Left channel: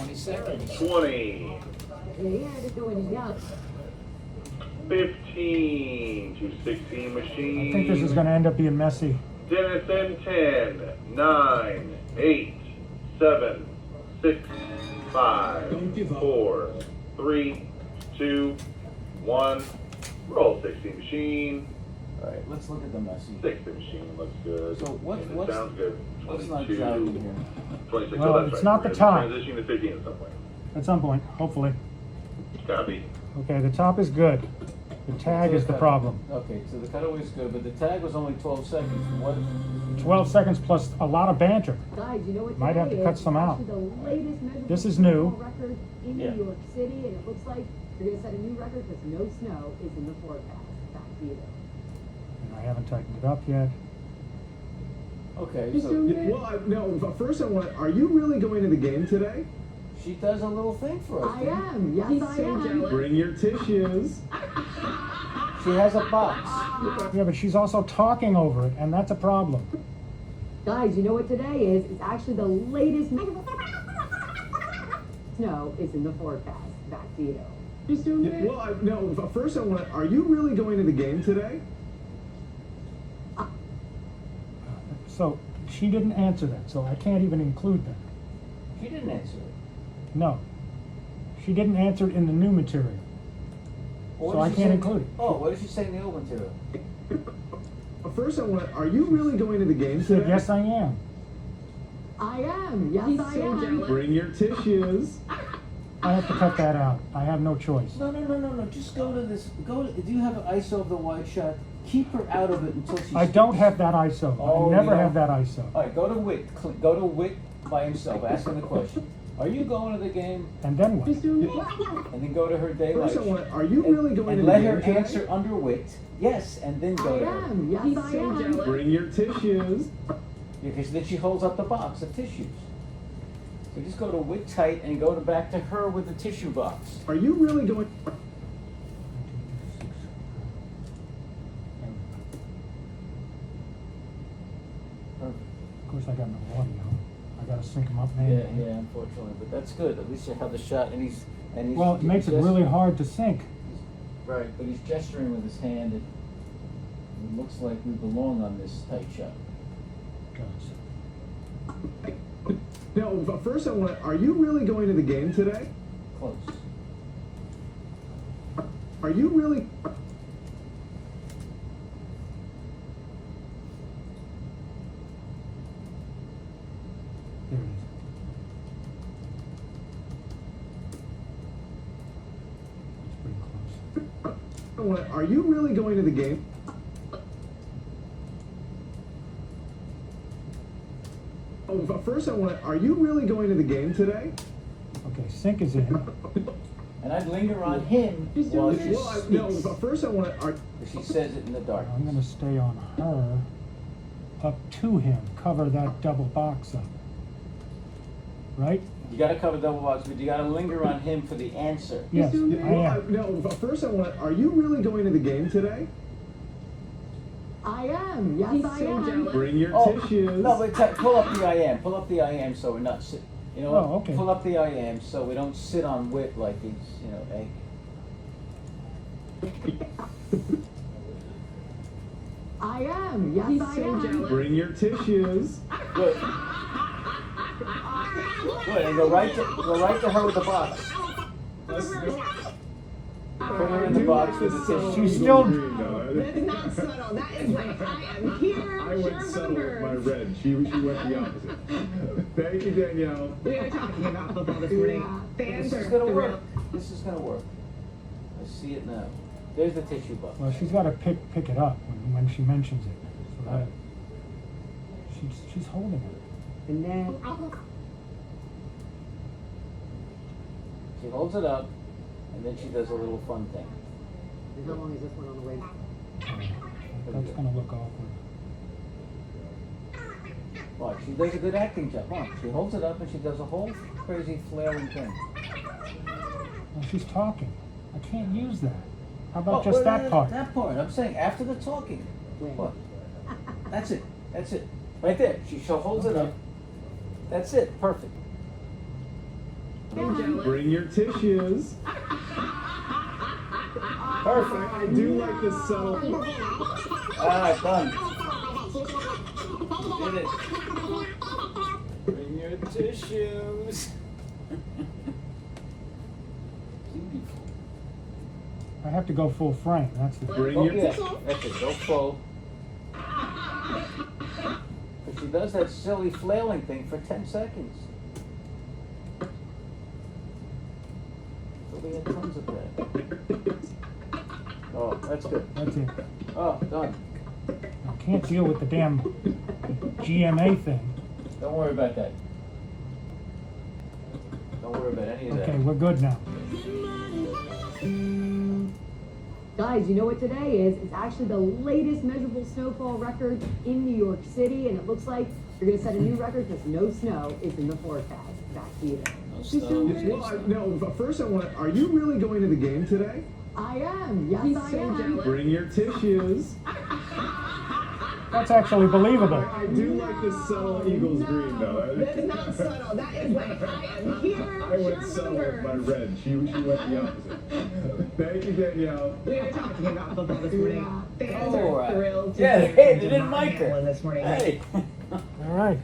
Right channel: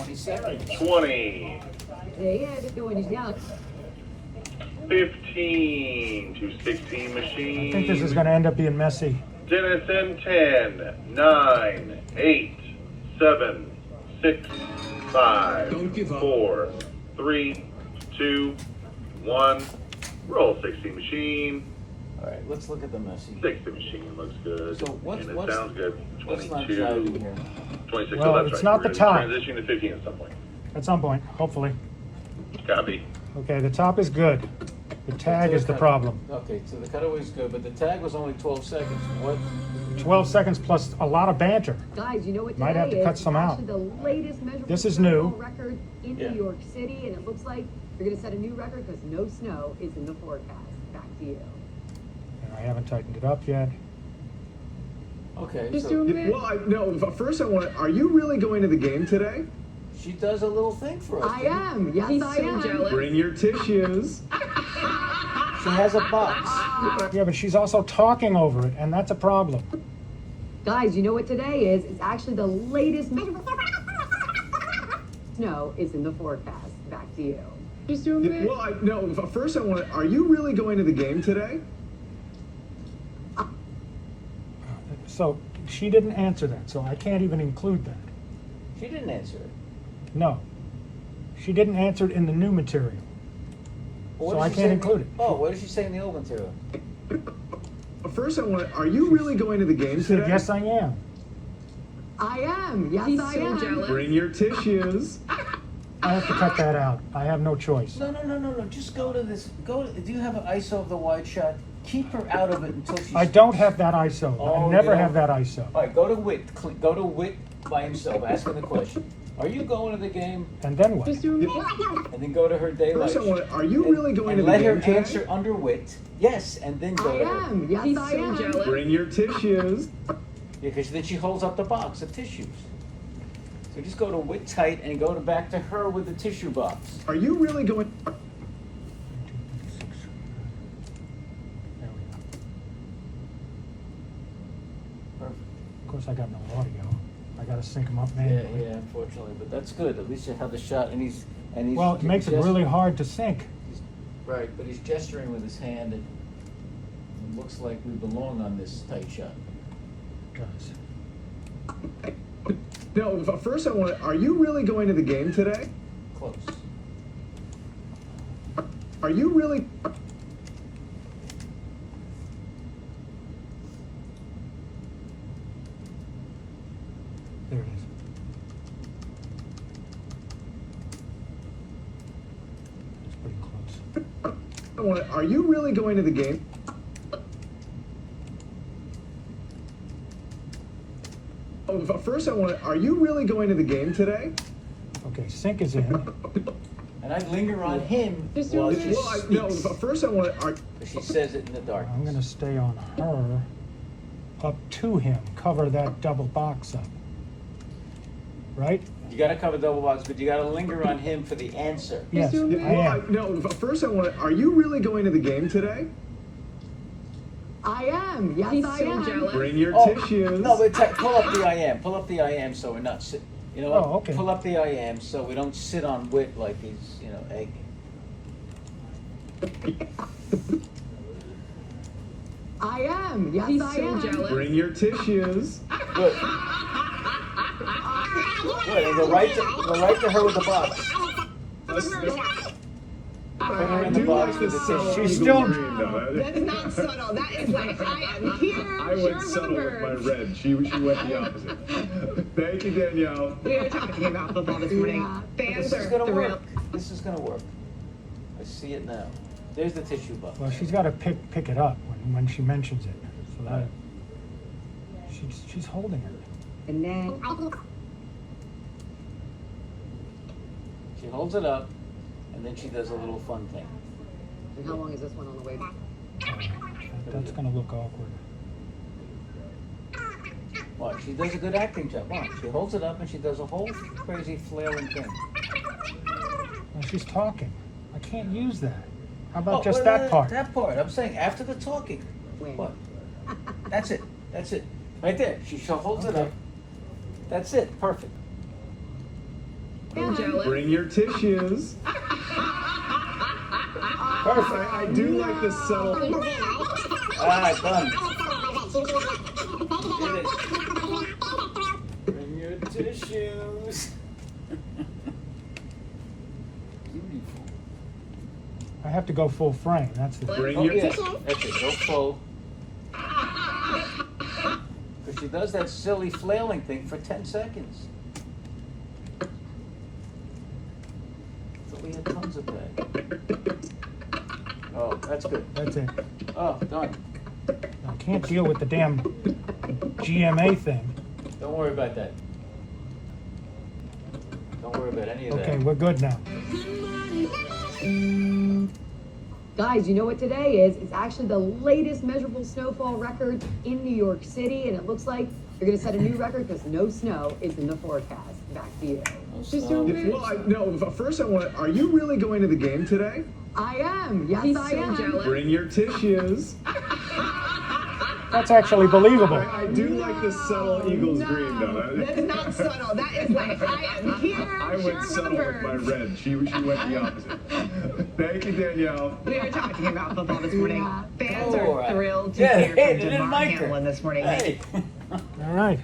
20 seconds. 20. Yeah, they're doing it now. 15 to 16 machine. I think this is going to end up being messy. Dennis in 10, 9, 8, 7, 6, 5, 4, 3, 2, 1. Roll 60 machine. All right, let's look at the messy. 60 machine looks good. So what's- and it what's- sounds good. What's not 22, driving here? 26. Well, Oh, that's it's right. not the We're top. transitioning to 15 at some point. At some point, hopefully. Copy. Okay, the top is good. The tag is the problem. Okay, so the cutaway's good, but the tag was only 12 seconds. What? 12 seconds plus a lot of banter. Guys, you know what Might today have to is? cut some out. Actually the latest measurable This is new. record in Yeah. New York City, and it looks like you're going to set a new record because no snow is in the forecast. Back to you. I haven't tightened it up yet. Okay, Just so doing it. No, but first I want to, are you really going to the game today? she does a little thing for us. I am. Yes, I am. Bring your tissues. She has a box. Yeah, but she's also talking over it, and that's a problem. Guys, you know what today is? It's actually the latest measurable snow is in the forecast. Back to you. Just doing it. No, but first I want to, are you really going to the game today? So she didn't answer that, so I can't even include that. She didn't answer it. No. She didn't answer it in the new material. What So did I she can't say- include it. Oh, what did she say in the old material? But first I want to, are you really going to the game She said, today? yes, I am. I am. Yes, I am. Bring your tissues. I have to cut that out. I have no choice. No. Just go to this. Do you have an ISO of the wide shot? Keep her out of it until she. I don't have that ISO. I Oh, never you have don't? that ISO. All right, go to Wick. Go to Wick by himself. Ask her the question. Are you going to the game? And then what? Just doing it. And then go to her daylight. First I want to, are you really going to and the let game her today? answer under Wick. Yes, and then go I to her. am. Yes, I am. Bring your tissues. Because then she holds up the box of tissues. So just go to Wick tight and go back to her with the tissue box. Are you really going? Of course, I got no audio. I got to sync them up Yeah, manually. unfortunately, but that's good. At least you have the shot, and he's Well, it makes it really hard to sync. Right, but he's gesturing with his hand, and it looks like we belong on this tight shot. Guys. No, but first I want to, are you really going to the game today? Close. Are you really? There it is. It's pretty close. I want to, are you really going to the game? Oh, but first I want to, are you really going to the game today? Okay, sync is in. And I'd linger on him Just while doing she it. No, speaks. but first I want to, are, She says it in the dark. I'm going to stay on her up to him, cover that double box up. Right? You gotta cover double box, but you gotta linger on him for the answer. Yes, I am. no, but first I want to, are you really going to the game today? I am. Yes, I am. Bring your Oh, tissues. no, but pull up the I am. Pull up the I am so we're not sit. You know what? Oh, okay. Pull up the I am so we don't sit on Wit like he's, egg. I am. Yes, I am. Bring your tissues. Good. Good. Go right to her with the box. Put her I in the do box like with this the subtle tissue. She's still- green, though. That is not subtle. That is like, I am here. I went sure subtle with of my the birds. red. She went the opposite. Thank you, Danielle. We were talking about football this morning. Fans This is are gonna thrilled. work. This is gonna work. I see it now. There's the tissue box. Well, she's got to pick it up when she mentions it. So that she's holding it. And then She holds it up, and then she does a little fun thing. and how long is this one on the way? That's going to look awkward. Watch, she does a good acting job. Watch, she holds it up and she does a whole crazy flailing thing. Well, she's talking. I can't use that. How about Oh, just well, that part? That part. I'm saying after the talking. Wait. What? That's it. That's it. Right there. She holds it up. That's it. Perfect. I'm jealous. Bring your tissues. Perfect. I do like the subtle. Alright, done. Did it. Bring your tissues. Beautiful. I have to go full frame, that's the Bring Oh, your yeah. That's it, go full. Because she does that silly flailing thing for 10 seconds. But we had tons of that. Oh, that's good. That's it. Oh, done. I can't deal with the damn GMA thing. Don't worry about that. Don't worry about any of that. Okay, we're good now. Guys, you know what today is? It's actually the latest measurable snowfall record in New York City, and it looks like you're going to set a new record because no snow is in the forecast. Back to you. No Just snow. No, first I want. Are you really going to the game today? I am. Yes, He's I so am. jealous. Bring your tissues. That's actually believable. I do like the subtle Eagles green though. That's not subtle. That is like, I am here. I went sure subtle with my remember. red. She went the opposite. Thank you, Danielle. We were talking about football this morning. Fans All are right. thrilled to Yeah, hear hey, from they didn't DeMar like her. Hamlin this morning. Hey. All right.